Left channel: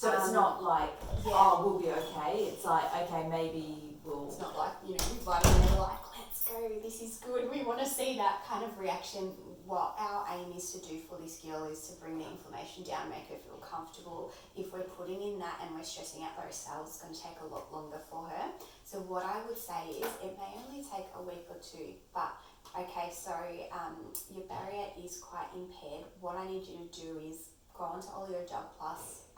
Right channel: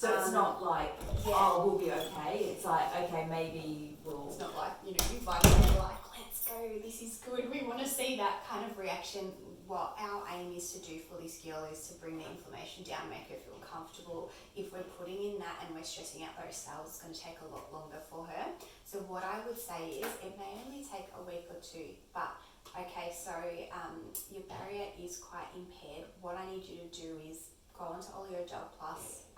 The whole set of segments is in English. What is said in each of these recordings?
So it's not like, oh, we'll be okay. It's like, okay, maybe we'll... It's not like, you know, vitamin, we're like, let's go, this is good. We want to see that kind of reaction. What our aim is to do for this girl is to bring the inflammation down, make her feel comfortable. If we're putting in that and we're stressing out those cells, it's going to take a lot longer for her. So what I would say is it may only take a week or two, but okay, so your barrier is quite impaired. What I need you to do is go on to Oleogel Plus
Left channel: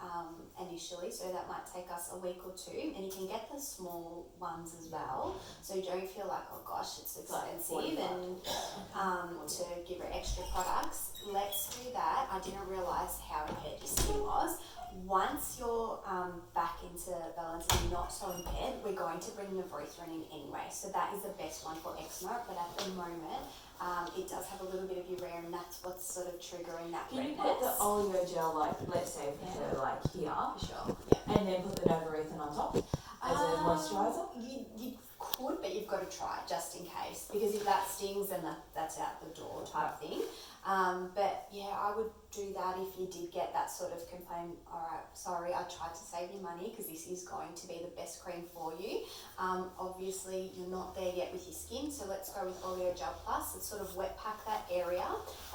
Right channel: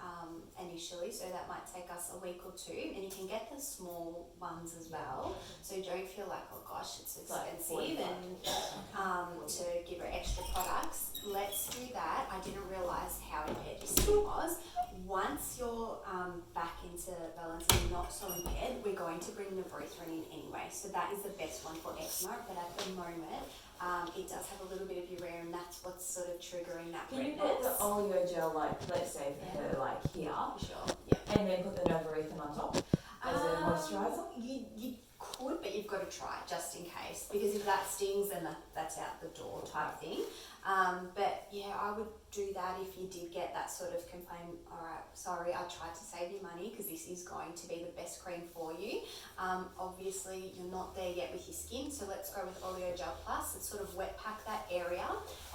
initially, so that might take us a week or two, and you can get the small ones as well, so you don't feel like, oh gosh, it's expensive and to give her extra products. Let's do that. I didn't realise how impaired your skin was. Once you're back into balance and not so impaired, we're going to bring the Nevrothren in anyway, so that is the best one for eczema, but at the moment it does have a little bit of urea, and that's what's sort of triggering that redness. Can you put the Oleogel, like, let's say for her, like here, Sure. Yeah. and then put the Nevrothren on top as a moisturiser? You could, but you've got to try it just in case, because if that stings, then that's out the door type thing. But yeah, I would do that if you did get that sort of complaint. All right, sorry, I tried to save you money because this is going to be the best cream for you. Obviously, you're not there yet with your skin, so let's go with Oleogel Plus. Let's sort of wet pack that area,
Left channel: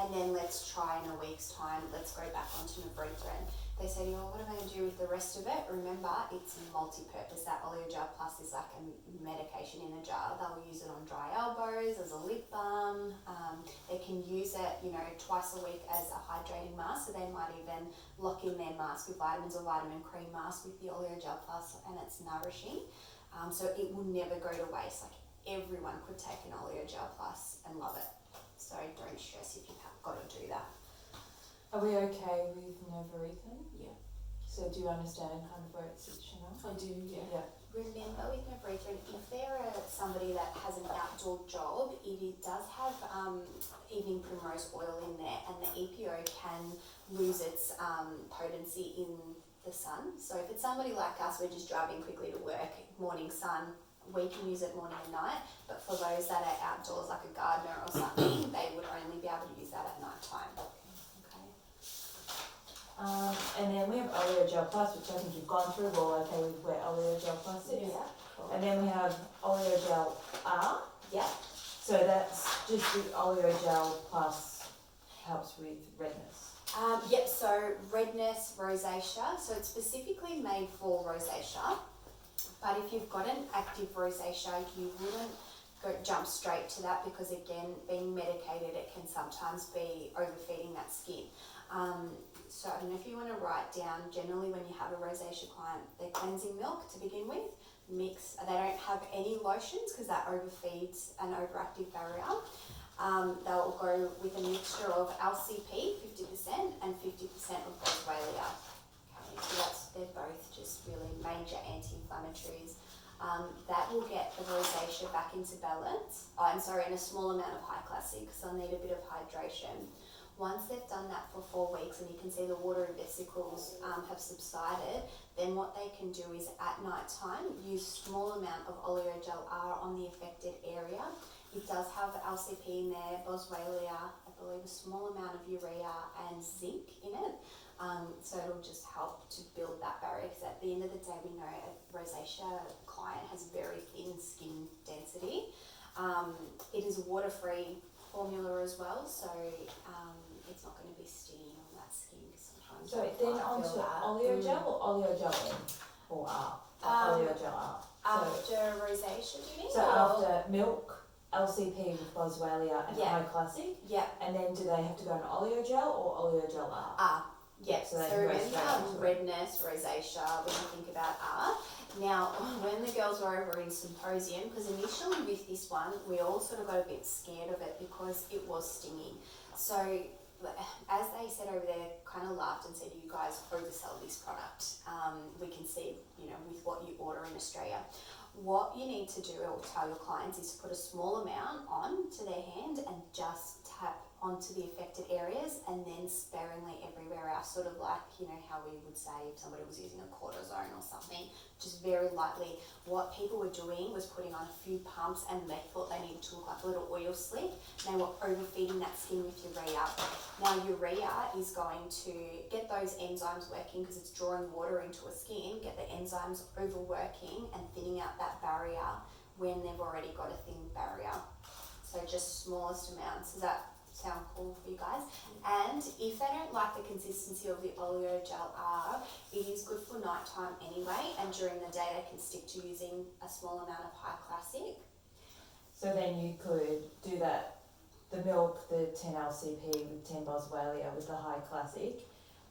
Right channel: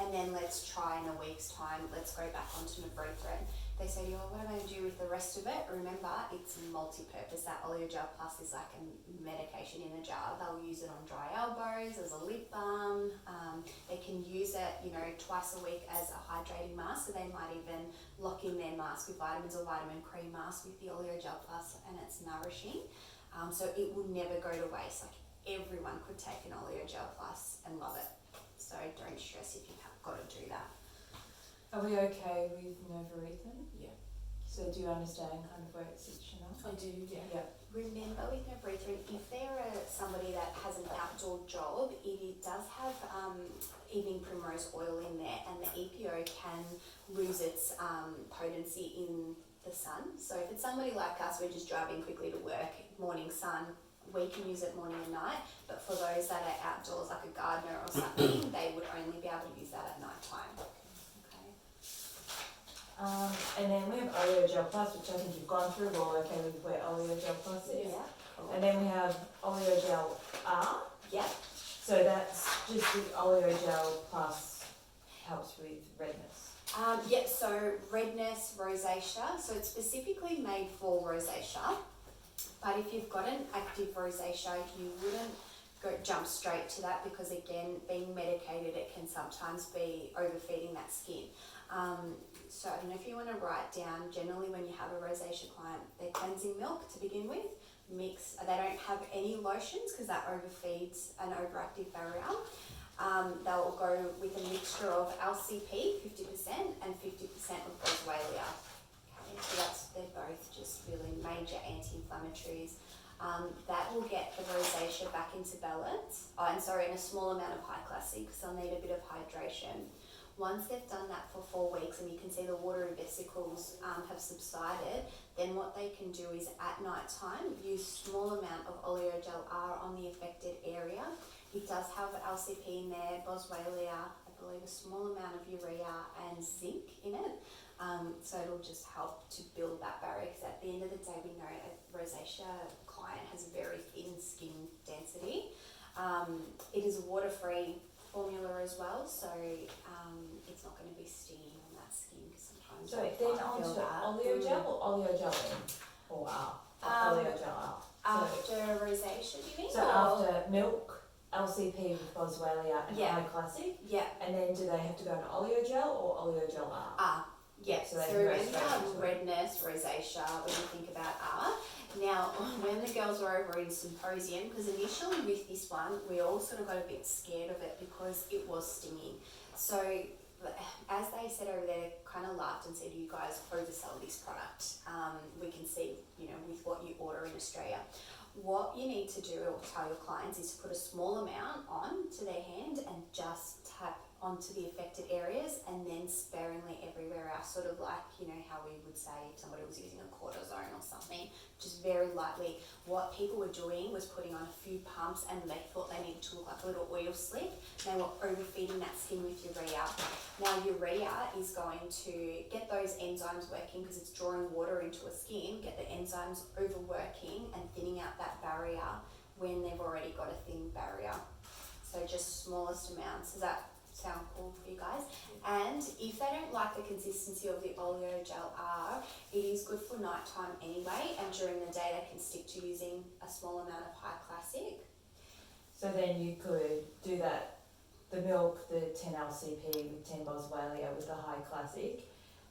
and then let's try in a week's time. Let's go back onto Nevrothren. They say to you, oh, what am I going to do with the rest of it? Remember, it's multi-purpose. That Oleogel Plus is like a medication in a jar. They'll use it on dry elbows, as a lip balm. They can use it, you know, twice a week as a hydrating mask. So they might even lock in their mask with vitamins or vitamin cream mask with the Oleogel Plus, and it's nourishing. So it will never go to waste. Like, everyone could take an Oleogel Plus and love it. So don't stress if you've got to do that. Are we okay with Nevrothren? Yeah. So do you understand kind of where it sits, Chanel? I do, yeah. Yeah. Remember with Nevrothren, if they're somebody that has an outdoor job, it does have evening primrose oil in there, and the EPO can lose its potency in the sun. So if it's somebody like us, we're just driving quickly to work, morning sun, we can use it morning and night, but for those that are outdoors, like a gardener or something, they would only be able to use that at night time. And then we have Oleogel Plus, which I think you've gone through. Well, okay, with where Oleogel Plus is. Yeah, cool. And then we have Oleogel R. Yeah. So that's just the Oleogel Plus helps with redness. Yep, so redness, rosacea. So it's specifically made for rosacea. But if you've got an active rosacea, you wouldn't jump straight to that, because again, being medicated, it can sometimes be overfeeding that skin. So I don't know if you want to write down, generally when you have a rosacea client, they're cleansing milk to begin with. They don't have any lotions because that overfeeds an overactive barrier. They'll go with a mixture of LCP, 50%, and 50% of boswellia. Okay, so they're both just really major anti-inflammatories. That will get the rosacea back into balance. In a small amount of high classic, because they'll need a bit of hydration. Once they've done that for 4 weeks and you can see the watery vesicles have subsided, then what they can do is at night time use small amount of Oleogel R on the affected area. It does have LCP in there, boswellia, I believe a small amount of urea and zinc in it. So it'll just help to build that barrier, because at the end of the day we know a rosacea client has very thin skin density. It is a water-free formula as well, so it's not going to be stinging on that skin, because sometimes So then on to Oleogel or Oleogel N or R? Oleogel R. After rosacea, do you mean? So after milk, LCP with boswellia and high classic? Yeah. And then do they have to go into Oleogel or Oleogel R? Yeah, so remember redness, rosacea, when you think about R. Now, when the girls were over in Symposium, because initially with this one, we all sort of got a bit scared of it because it was stinging. So, as they said over there, kind of laughed and said, you guys oversell this product. We can see, with what you order in Australia. What you need to do or tell your clients is to put a small amount on to their hand and just tap onto the affected areas and then sparingly everywhere else, sort of like, you know, how we would say if somebody was using a cortisone or something, just very lightly. What people were doing was putting on a few pumps and they thought they needed to look like a little oil slick. They were overfeeding that skin with urea. Now urea is going to get those enzymes working because it's drawing water into a skin, get the enzymes overworking and thinning out that barrier when they've already got a thin barrier. So just smallest amounts. Does that sound cool for you guys? And if they don't like the consistency of the oleo gel R, it is good for nighttime anyway, and during the day they can stick to using a small amount of high classic. So then you could do that, the milk, the 10 LCP with 10 boswellia with the high classic,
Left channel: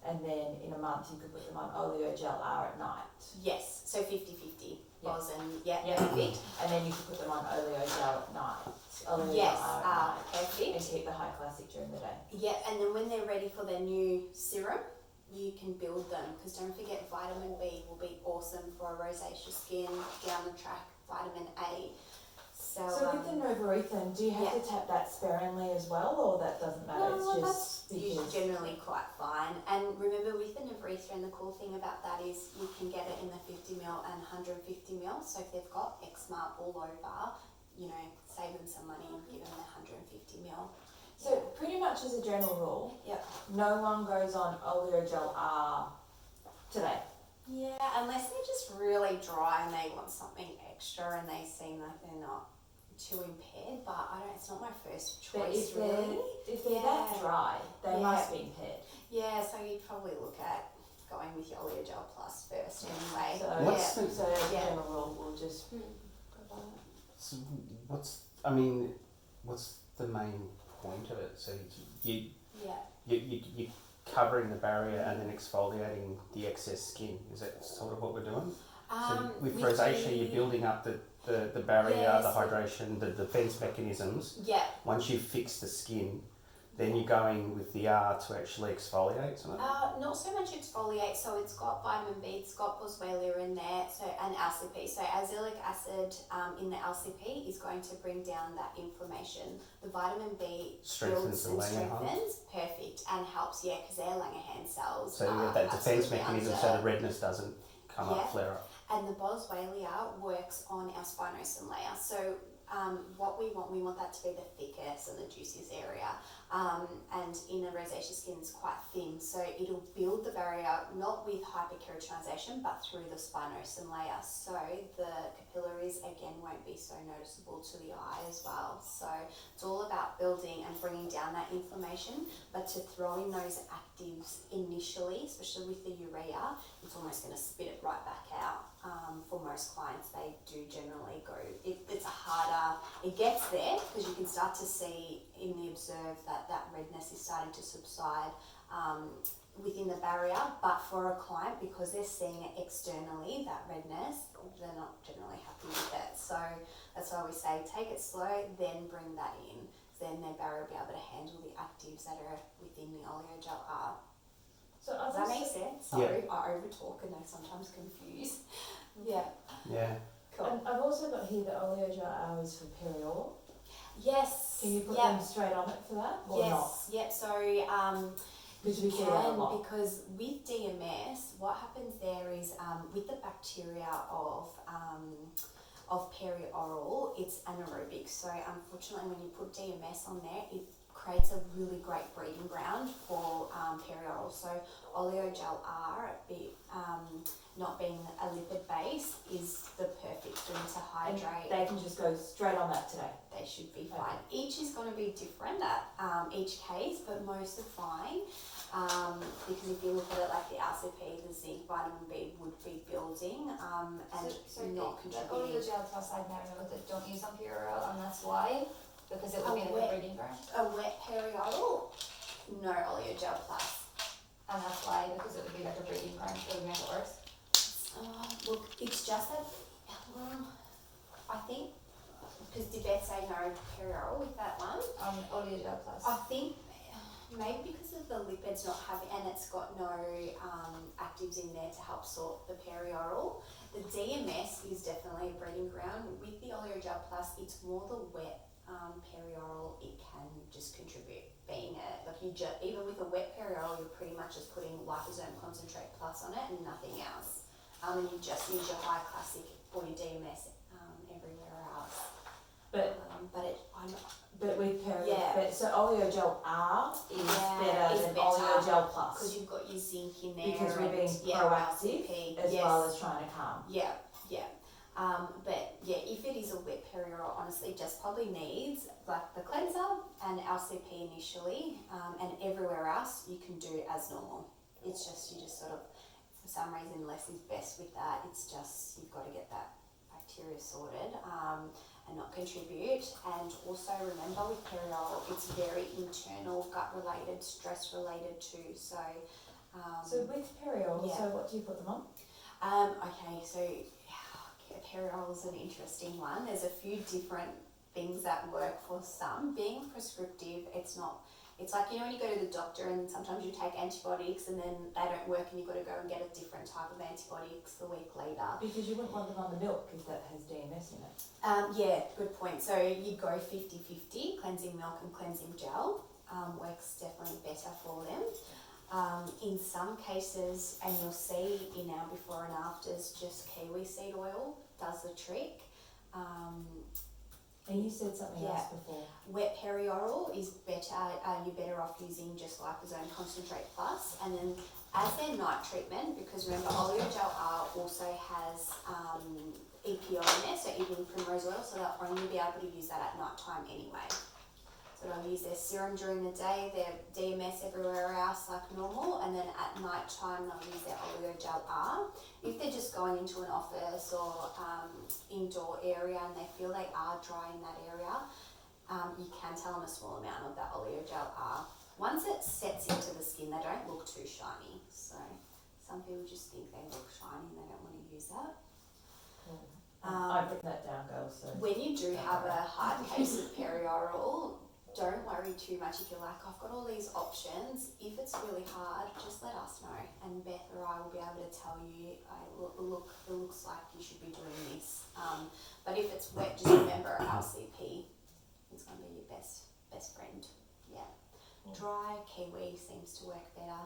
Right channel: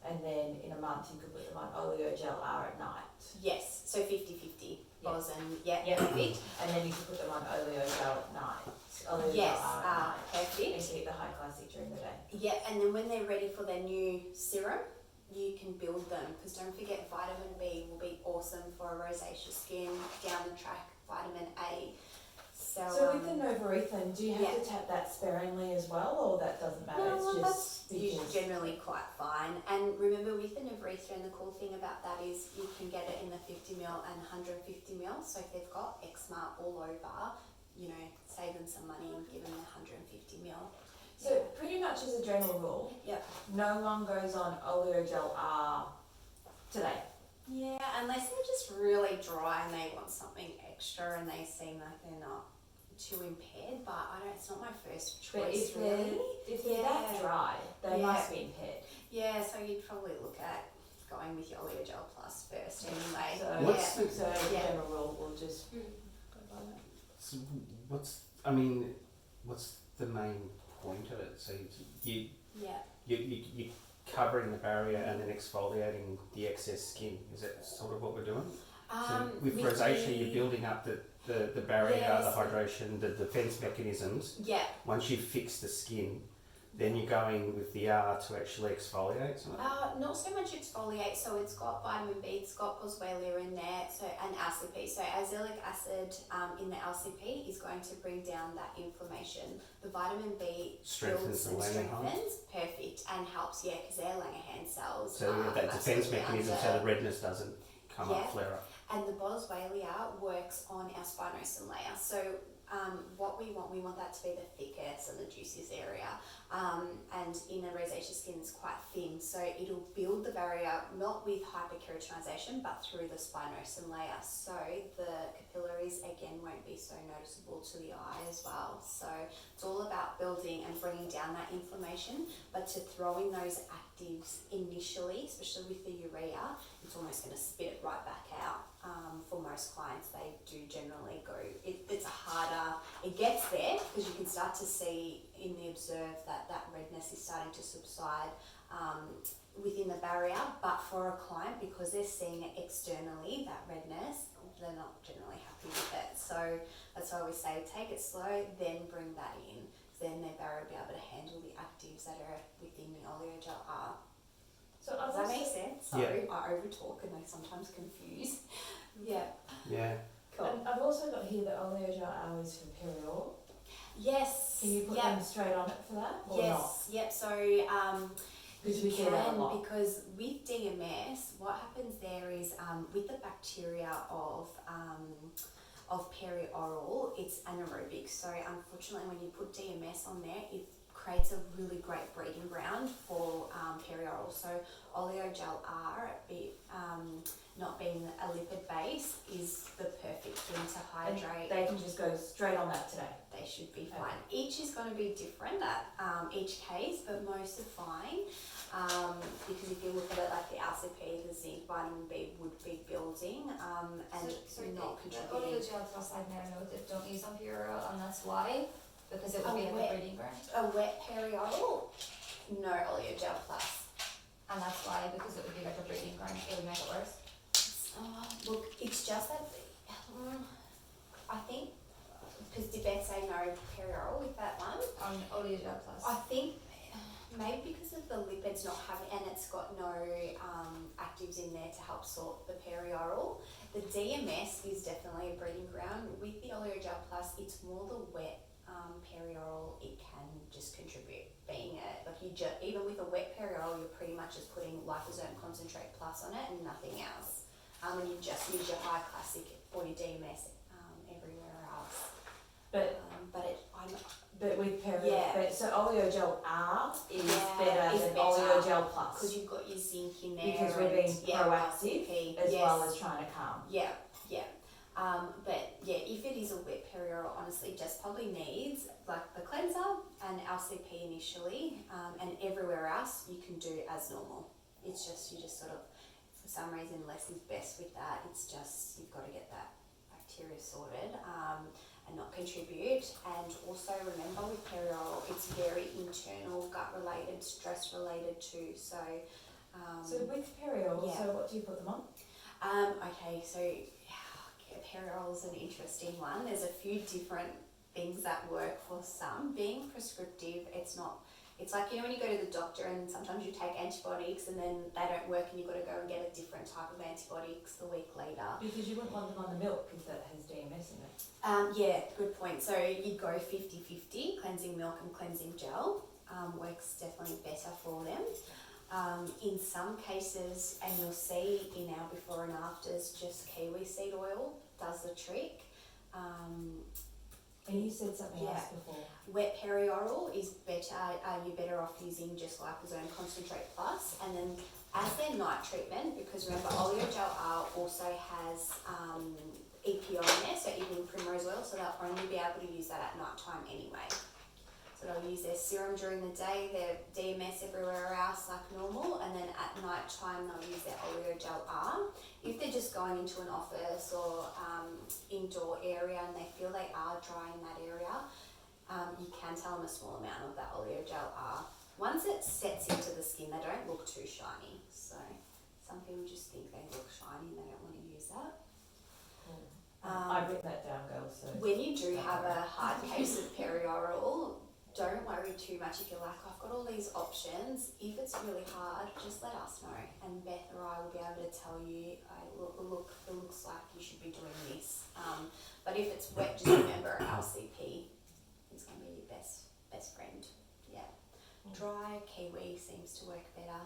and then in a month you could put them on oleo gel R at night. Yes, so 50-50 bos and Yeah. perfect. And then you could put them on oleo gel at night. Oleo Yes, gel R at night. And perfect. keep the high classic during the day. Yeah, and then when they're ready for their new serum, you can build them, because don't forget vitamin B will be awesome for a rosacea skin down the track, vitamin A. So with the Novarethan, do you have to tap that sparingly as well, or that doesn't matter? No, It's that's just because generally quite fine. And remember with the Novarethan, the cool thing about that is you can get it in the 50ml and 150ml. So if they've got eczema all over, you know, save them some money and give them the 150ml. So pretty much as a general rule, Yep. no one goes on oleo gel R today. Yeah, unless they're just really dry and they want something extra and they seem like they're not too impaired, but I don't. It's not my first But choice if really. they're that dry, they Yeah. must be impaired. Yeah, so you'd probably look at going with your Oleo Gel Plus first anyway. So, What's so as a general rule, we'll just go by that. So what's the main point of it? So you're covering the barrier and then exfoliating the excess skin. Is that sort of what we're doing? So with rosacea, you're building up the barrier, the hydration, the defense mechanisms. Yeah. Once you fix the skin, then you're going with the R to actually exfoliate some of it? Not so much exfoliate, so it's got vitamin B, it's got boswellia in there, so and LCP. So azelaic acid in the LCP is going to bring down that inflammation. The vitamin B Strengthens builds the and Langerhans. strengthens, perfect, and helps, yeah, because they're Langerhans cells. So you get that defense absolutely mechanism under- so the redness doesn't come up, flare up. And the boswellia works on our spinosum layer. So what we want that to be the thickest and the juiciest area. And in a rosacea skin, it's quite thin, so it'll build the barrier not with hyperkeratinization but through the spinosum layer. So the capillaries again won't be so noticeable to the eye as well. So it's all about building and bringing down that inflammation, but to throw in those actives initially, especially with the urea, it's almost going to spit it right back out. For most clients, they do generally go, it's a harder, it gets there because you can start to see in the observe that redness is starting to subside within the barrier, but for a client, because they're seeing it externally, that redness, they're not generally happy with it. So that's why we say take it slow, then bring that in. Then their barrier will be able to handle the actives that are within the oleo gel R. So Does that make sense? Sorry, I overtalk and they sometimes confuse. Yeah. Yeah. Cool. And I've also got here that oleo gel R is for perioral. Yes. Can you put them straight on it for that or not? Yep. So Because you we see that a can, lot. because with DMS, what happens there is with the bacteria of perioral, it's anaerobic. So unfortunately, when you put DMS on there, it creates a really great breeding ground for perioral. So oleo gel R, not being a lipid base, is the perfect thing to hydrate. And they can just go straight on that today. They should be fine. Each is going to be different at each case, but most are fine. Because if you look at it like the LCP, the zinc, vitamin B would be building and not The oleo contributing. gel plus I've never know that don't use on perioral, and that's why, because it would be like a breeding ground, A wet perioral, no oleo gel plus. and that's why, because it would be like a breeding ground, it would make it worse. Look, it's just that, I think, because did Beth say no perioral with that one? On oleo gel plus. I think maybe because of the lipids not having, and it's got no actives in there to help sort the perioral. The DMS is definitely a breeding ground. With the oleo gel plus, it's more the wet perioral, it can just contribute. being even with a wet perioral, you're pretty much just putting liposome concentrate plus on it and nothing else. And you just use your high classic for your DMS everywhere else. But I'm with perio, Yeah. so oleogel R is Yeah, better is than better. oleogel plus because you've got your zinc in there. because we're being proactive LCP. as yes. well as trying to calm. Yeah. But yeah, if it is a wet perioral, honestly, just probably needs like the cleanser and LCP initially, and everywhere else you can do as normal. It's just you just sort of, for some reason, less is best with that. It's just you've got to get that bacteria sorted and not contribute. And also remember with perioral, it's very internal, gut related, stress related too. So with perio, yeah. so what do you put them on? Okay, so perioral is an interesting one. There's a few different things that work for some. Being prescriptive, it's like, when you go to the doctor and sometimes you take antibiotics and then they don't work and you've got to go and get a different type of antibiotics the week later. Because you wouldn't want them on the milk if that has DMS in it. Yeah, good point. So you go 50-50, cleansing milk and cleansing gel. Works definitely better for them. In some cases, and you'll see in our before and afters, just kiwi seed oil does the trick. And you said something else Yeah. before. Wet perioral is better. You're better off using just liposome concentrate plus, and then as their night treatment, because remember oleogel R also has EPO in there, so evening primrose oil, so they'll only be able to use that at night time anyway. So they'll use their serum during the day, their DMS everywhere else like normal, and then at night time they'll use their oleogel R. If they're just going into an office or indoor area and they feel they are dry in that area, you can tell them a small amount of that oleogel R. Once it sets into the skin, they don't look too shiny. So some people just think they look shiny and they don't want to use that. I've written that down, girls. So when you do have a hard case of perioral, don't worry too much if you're like, I've got all these options. If it's really hard, just let us know, and Beth or I will be able to tell you, look, it looks like you should be doing this. But if it's wet, just remember LCP. It's going to be your best friend. Yeah. Dry kiwi seems to work better.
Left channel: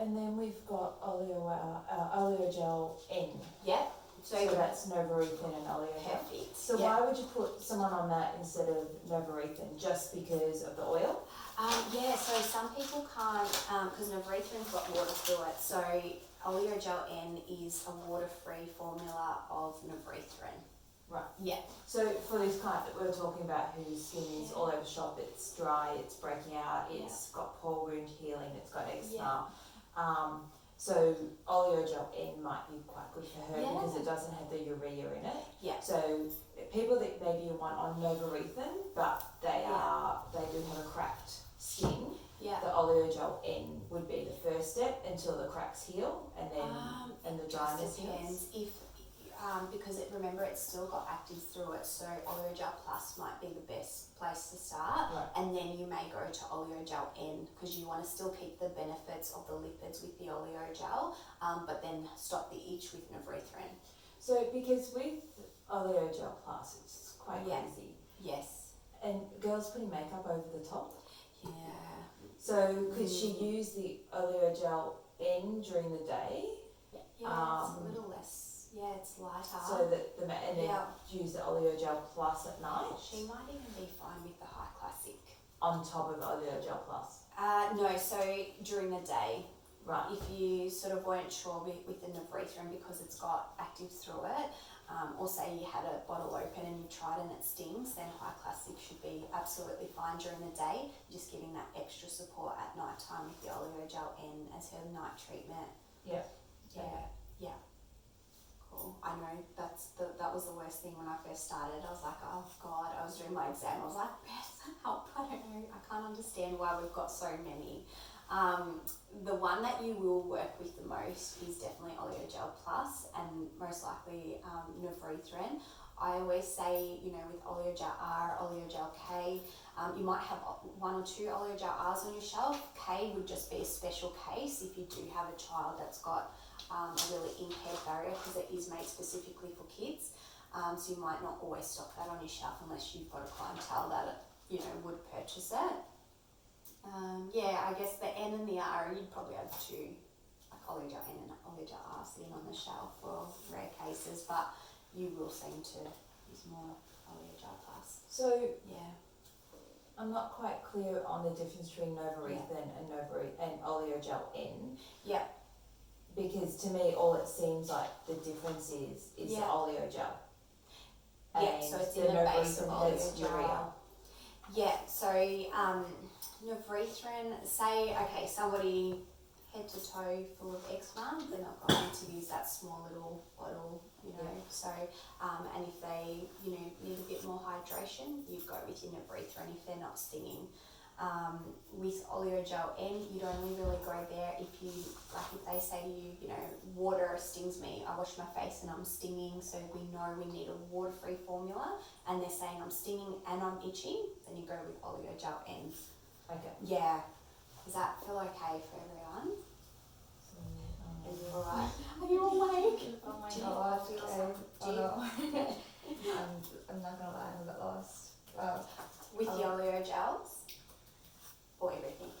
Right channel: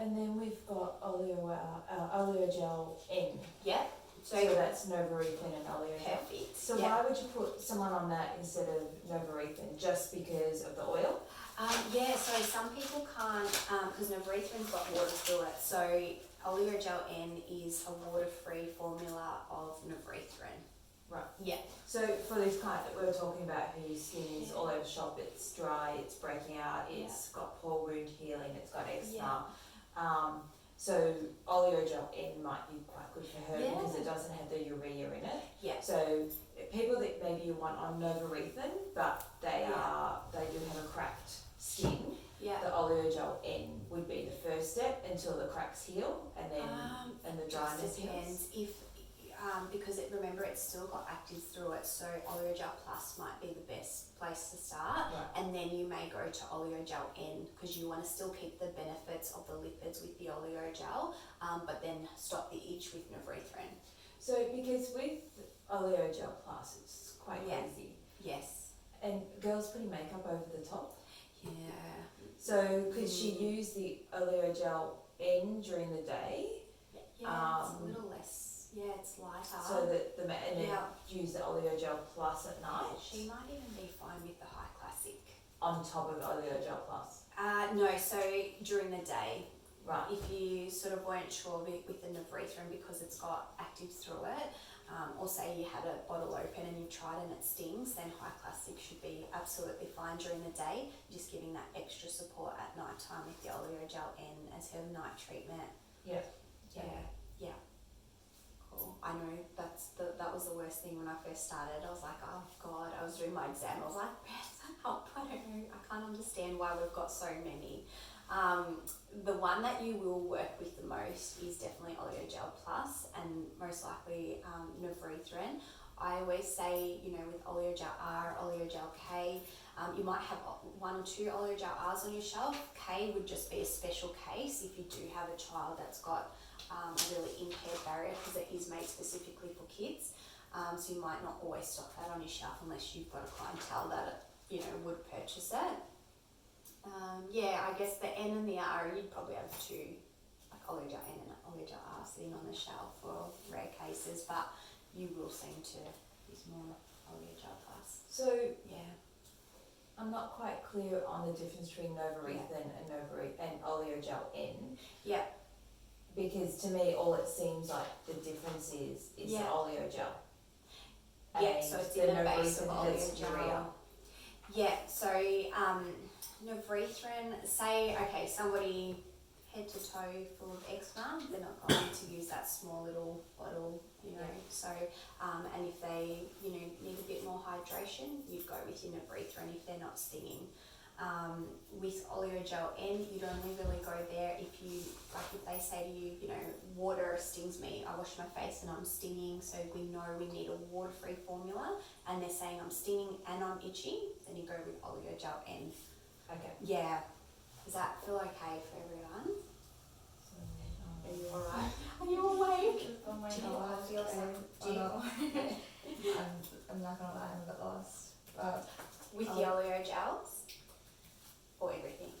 And then we've got oleogel N. Yep. So that's novarethin and oleogel. Perfect. So why would you put someone on that instead of novarethin? Just because of the oil? So some people can't, because novarethin's got water through it. So oleogel N is a water-free formula of novarethin. Right. Yeah. So for these clients that we were talking about whose skin is all over the shop, it's dry, it's breaking out, it's got pore wound healing, it's got eczema. So oleogel N might be quite good for her because it doesn't have the urea in it. Yeah. So people that maybe you want on novarethin, but they do have a cracked skin. Yeah. The oleogel N would be the first step until the cracks heal and then and the dryness heals. Because remember it's still got actives through it, so oleogel plus might be the best place to start, and then you may go to oleogel N because you want to still keep the benefits of the lipids with the oleogel, but then stop the itch with novarethin. So because with oleogel plus it's quite easy. Yes. And girls putting makeup over the top. Yeah. So could she use the oleogel N during the day? Yeah, it's a little less. Yeah, it's lighter. So that and then use the oleogel plus at night. She might even be fine with the high classic. On top of oleogel plus. No, so during the day. Right. If you sort of weren't sure with the novarethin because it's got actives through it, or say you had a bottle open and you tried and it stings, then high classic should be absolutely fine during the day. Just giving that extra support at night time with the oleogel N as her night treatment. Yeah. Cool. I know that was the worst thing when I first started. I was like, oh God, I was doing my exam. I was like, Beth, help! I don't know. I can't understand why we've got so many. The one that you will work with the most is definitely oleogel plus, and most likely novarethin. I always say, with oleogel R, oleogel K, you might have one or two oleogel Rs on your shelf. K would just be a special case if you do have a child that's got a really impaired barrier, because it is made specifically for kids. So you might not always stock that on your shelf unless you've got a clientele that would purchase it. I guess the N and the R, you'd probably have two, like Oleogel N and Oleogel R sitting on the shelf for rare cases, but you will seem to use more Oleogel Plus. So Yeah. I'm not quite clear on the difference between Novarethan and Oleogel N. Yeah. Because to me, all it seems like the difference is the Oleogel. Yeah, so it's in the base of Oleogel. Yeah, so Novarethan, say, okay, somebody head to toe full of eczema, they're not going to use that small little bottle, you know, so, and if they, you know, need a bit more hydration, you'd go with your Novarethan if they're not stinging. With Oleogel N, you'd only really go there if you, like if they say to you, you know, water stings me, I wash my face and I'm stinging, so we know we need a water-free formula, and they're saying I'm stinging and I'm itching, then you go with Oleogel N. Okay. Yeah. Does that feel okay for everyone? Are you alright? Are you awake? Oh my god, I feel so. Oh no. I'm not gonna lie, I'm a bit lost. With the Oleogels? Or everything?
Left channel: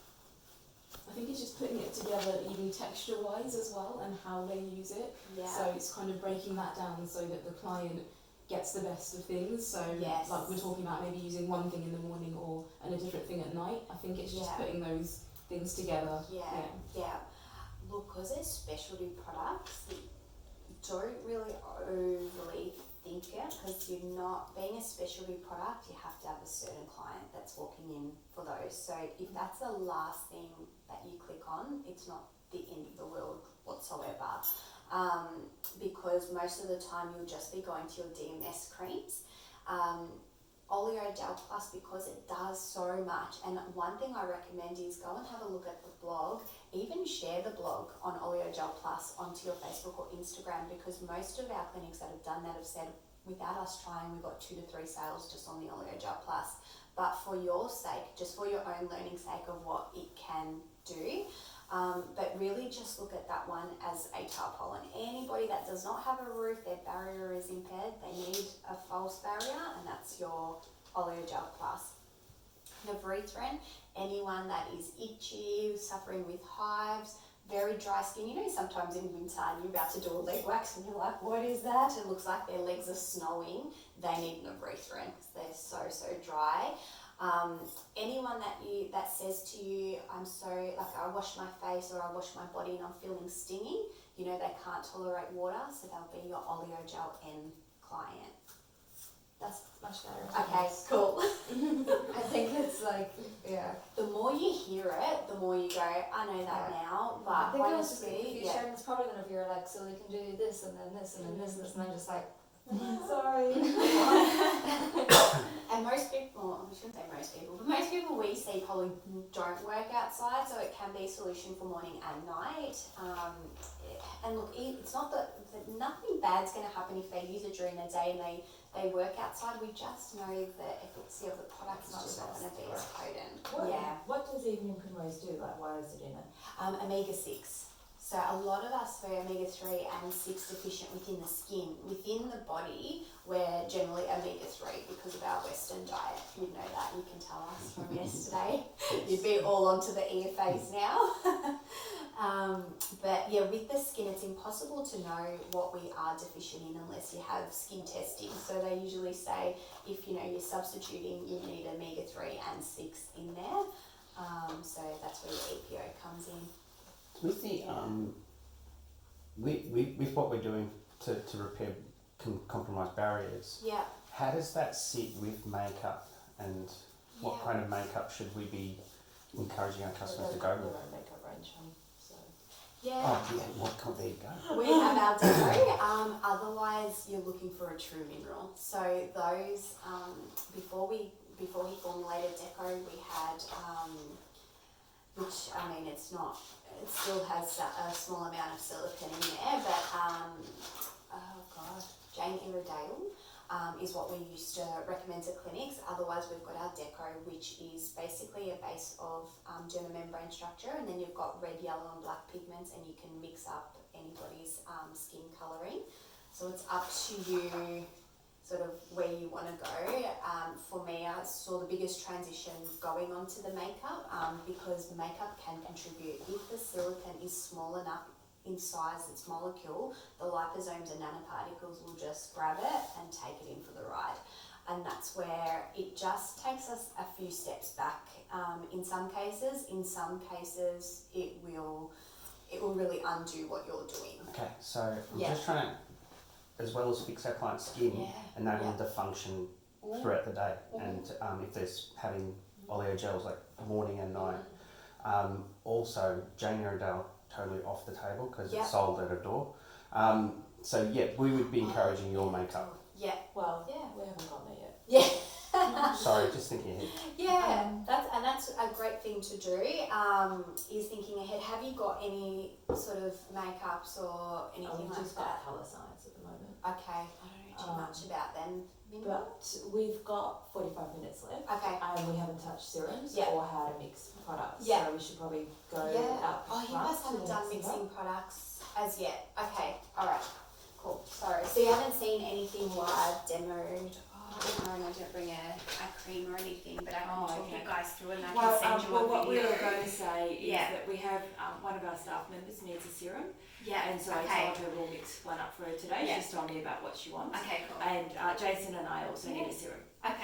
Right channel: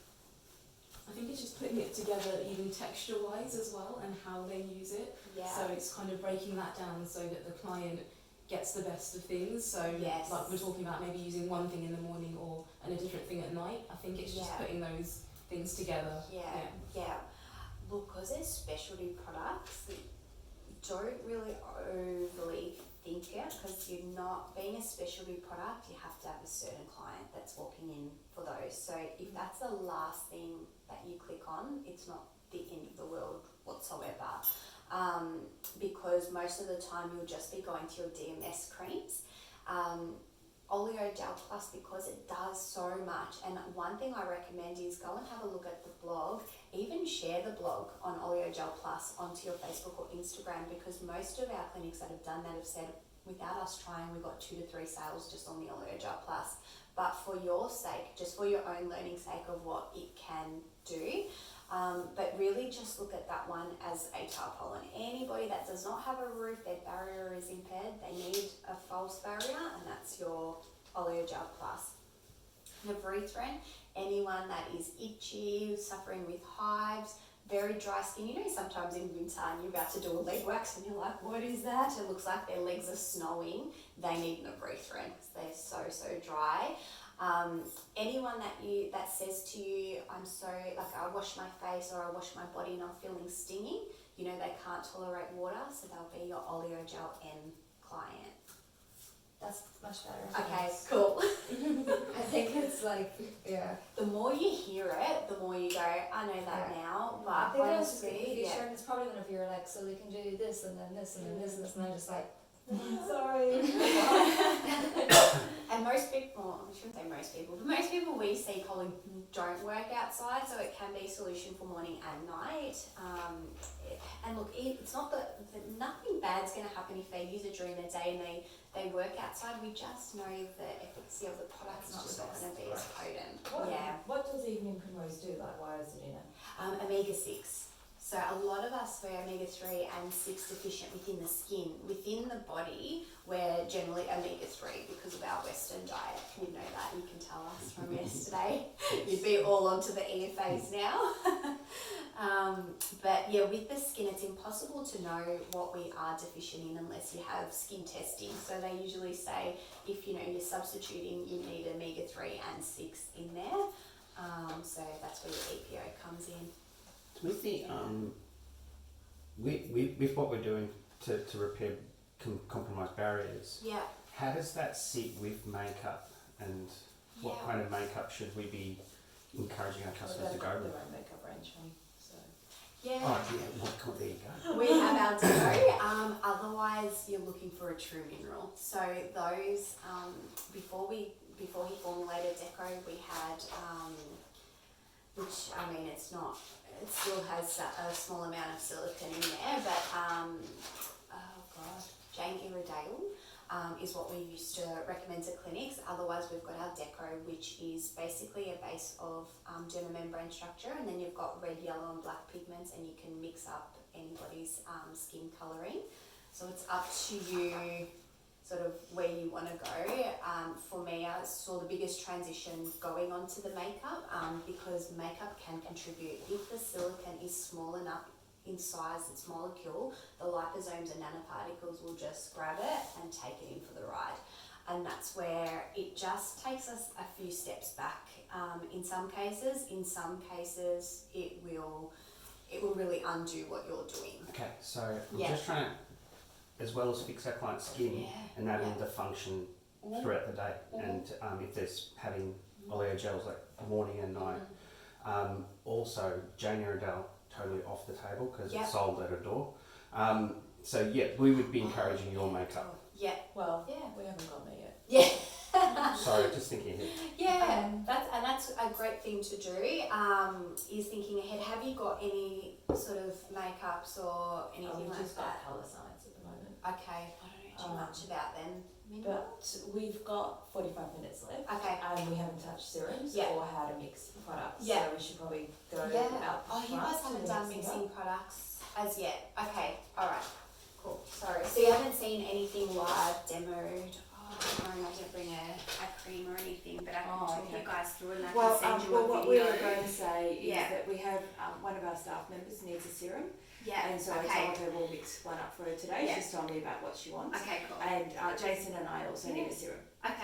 I think it's just putting it together even texture-wise as well and how they use it. Yeah. So it's kind of breaking that down so that the client gets the best of things. So Yes. like we're talking about maybe using one thing in the morning and a different thing at night. I think it's just putting those things together. Yeah. Look, because they're specialty products, don't really overly think it, because you're not, being a specialty product, you have to have a certain client that's walking in for those. So if that's the last thing that you click on, it's not the end of the world whatsoever. Because most of the time you'll just be going to your DMS creams. Oleogel Plus, because it does so much, and one thing I recommend is go and have a look at the blog, even share the blog on Oleogel Plus onto your Facebook or Instagram, because most of our clinics that have done that have said, without us trying, we got 2 to 3 sales just on the Oleogel Plus. But for your sake, just for your own learning sake of what it can do, but really just look at that one as a tarpaulin. Anybody that does not have a roof, their barrier is impaired, they need a false barrier, and that's your Oleogel Plus. Novarethan, anyone that is itchy, suffering with hives, very dry skin. You know, sometimes in winter you're about to do a leg wax and you're like, what is that? It looks like their legs are snowing. They need Novarethan because they're so dry. Anyone that says to you, I'm so, like, I wash my face or I wash my body and I'm feeling stinging, you know, they can't tolerate water, so they'll be your Oleogel N client. That's much better. Okay, cool. I think it's like, yeah. The more you hear it, the more you go, I know that now, but I think I was just like, honestly, if you're sharing this product, and if you're like, so we can do this and then this and then this, and I'm just like, Sorry. And most people, I shouldn't say most people, but most people we see probably don't work outside, so it can be a solution for morning and night. And look, it's not that nothing bad's going to happen if they use it during the day and they work outside. We just know the efficacy of the product's just not going to be as potent. What does evening primrose do? Like, why is it in it? Omega-6. So a lot of us, we're omega-3 and 6 deficient within the skin. Within the body, we're generally omega-3 because of our Western diet. You'd know that, you can tell us from yesterday. You'd be all onto the EFAs now. But yeah, with the skin, it's impossible to know what we are deficient in unless you have skin testing. So they usually say, if you know you're substituting, you need omega-3 and 6 in there. So that's where your EPO comes in. With the with what we're doing to repair compromised barriers, how does that sit with makeup, and what kind of makeup should we be encouraging our customers to go with? Their own makeup range on, so. There you go. We have our deco. Otherwise, you're looking for a true mineral. So those before he formulated deco, we had which I mean, it's not. It still has a small amount of silicone in there, but Jane Iredale is what we used to recommend to clinics. Otherwise, we've got our deco, which is basically a base of dermamembrane structure, and then you've got red, yellow, and black pigments, and you can mix up anybody's skin colouring. So it's up to you. sort of where you want to go. For me, I saw the biggest transition going onto the makeup because makeup can contribute. If the silicone is small enough in size, its molecule, the liposomes and nanoparticles will just grab it and take it in for the ride. And that's where it just takes us a few steps back in some cases. In some cases, it will really undo what you're doing. Okay, so we're just trying to, as well as fix our client's skin, enable them to function throughout the day. And if there's having oleogels like morning and night, also Jane Iredale totally off the table because it's sold at a door. So we would be encouraging your makeup. Well, we haven't gone there yet. Yeah. Sorry, just thinking ahead. Yeah, that's a great thing to do. Is thinking ahead. Have you got any sort of makeups or anything We've like just got colour science at the moment. Okay, I don't know too much about them. But we've got 45 minutes left. Okay. And we haven't touched serums or how to mix products. Yeah. So we should probably go out. Oh, you guys haven't done mixing products as yet. Okay, alright. Cool. Sorry. So you haven't seen anything live demoed? I didn't bring a cream or anything, but I can talk you guys through and I can send you a what video. we were going to say is that we have one of our staff members needs a serum. Yeah. And so I told her we'll mix one up for her today. She's told me about what she wants. Okay, cool. And Jason and I also need a serum. Okay.